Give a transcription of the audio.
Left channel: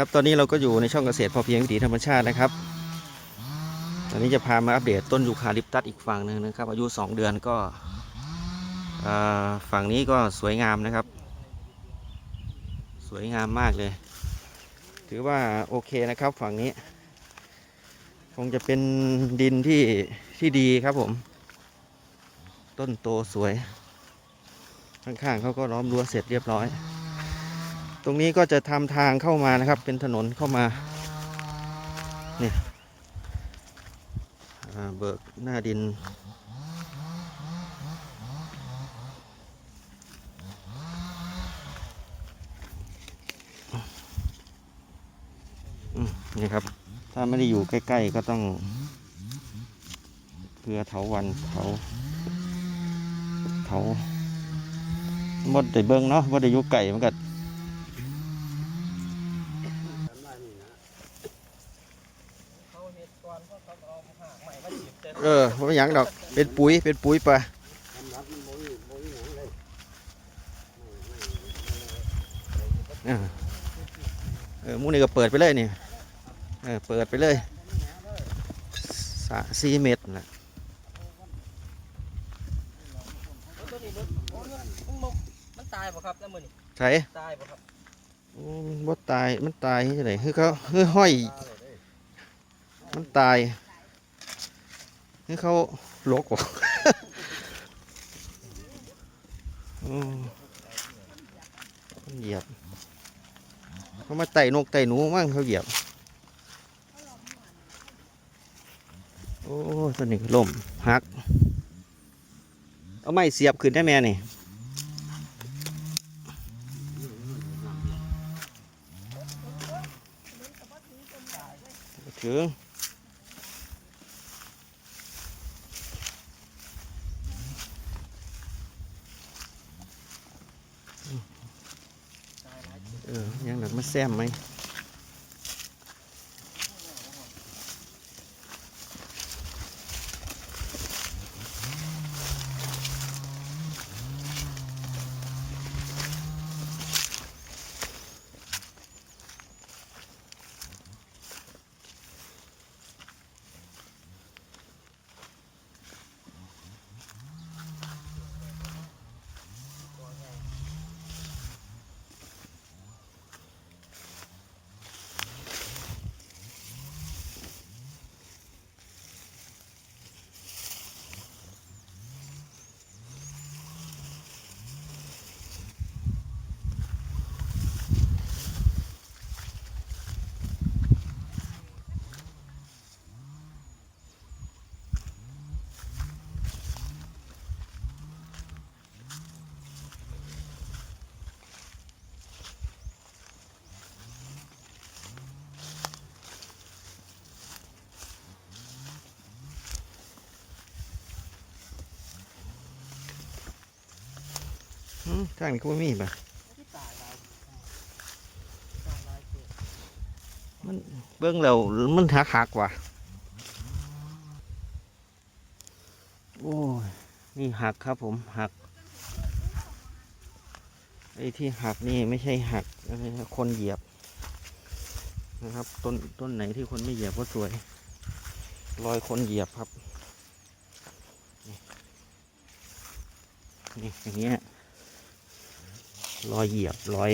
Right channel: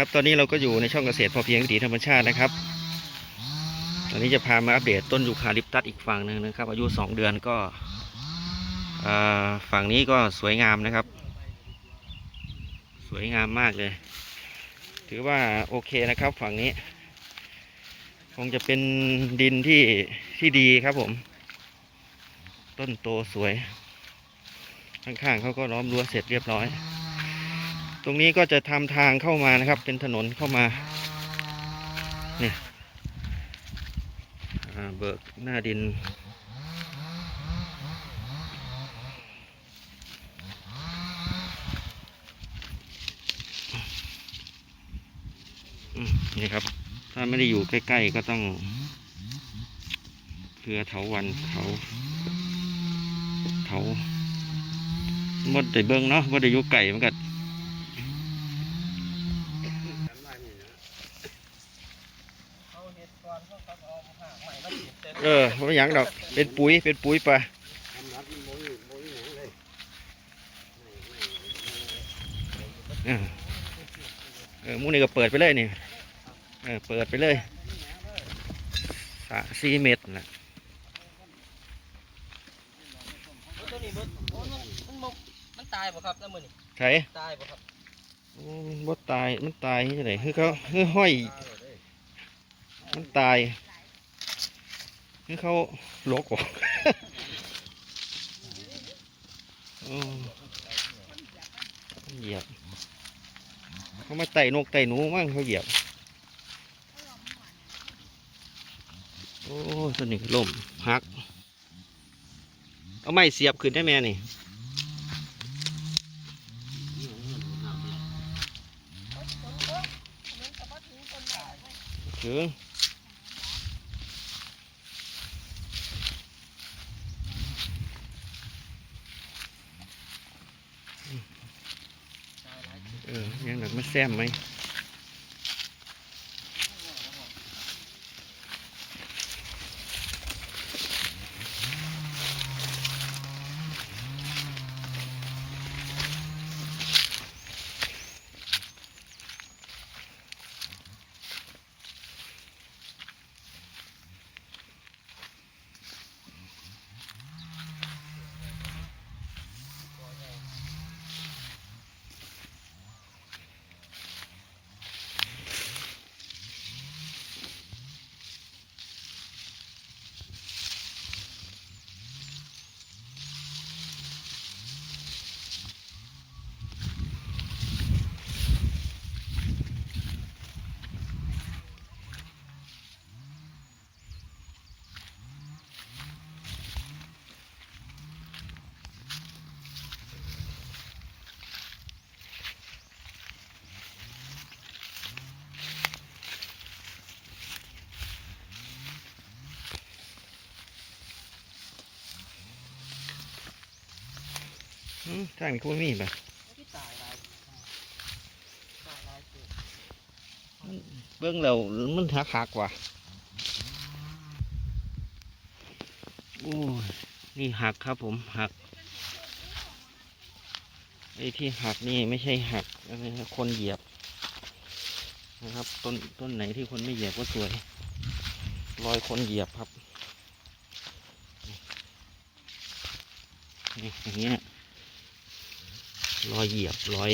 ครับตอนนี้เราก็อยู่ในช่องเกษตรพอเพียงวิถีธรรมชาตินะครับตอนนี้จะพามาอัปเดตต้นยูคาลิปตัสอีกฝั่งหนึ่งนะครับ อายุ 2 เดือนก็ฝั่งนี้ก็สวยงามนะครับ สวยงามมากเลย ถือว่าโอเคนะครับฝั่งนี้ คงจะเป็นดินที่ที่ดีครับผม ต้นโตสวย ข้างๆเขาก็ล้อมรั้วเสร็จเรียบร้อย ตรงนี้ก็จะทำทางเข้ามานะครับ เป็นถนนเข้ามา เนี่ยเบิกหน้าดิน นี่ครับ ถ้าไม่ได้อยู่ใกล้ ๆ ก็ต้องเครือเถาวันเถาเถาหมดแต่เบิ้งเนาะหมดแต่อยู่ไก่มันก็ เออไม่หยังดอก เป็นปุ๋ย เป็นปุ๋ยไปเออเออหมูนี่ก็เปิดไปเลยนี่ เออ เปิดไปเลยสะสี่เมตรนะตัวนี้มันมันมันบ่มันตายป่ะครับแล้วมือนี่ใช่ตายป่ะครับโอ้บ่ตาย มันตายที่ไหนคือเขาคือห้อย มันตาย คือเขาลกออกโอ้มันเหยียบเขามาไต่นกไต่หนูมั่งเขาเหยียบ โอ้ตัวนี้ล่มหัก เอาไม้เสียบขึ้นได้แม่นี่ถึง ตายหลาย เออยังหนักมาแซมไหม ทางนี้ก็บ่มีป่ะที่ตายหลายตายหลายเบิ้องแล้วมันหักหักว่ะโอ้ยนี่หักครับผมหักไอ้ที่หักนี่ไม่ใช่หักอะไรนะคนเหยียบนะครับ ต้นต้นไหนที่คนไม่เหยียบก็สวย รอยคนเหยียบครับนี่อย่างเงี้ย รอยเหยียบรอย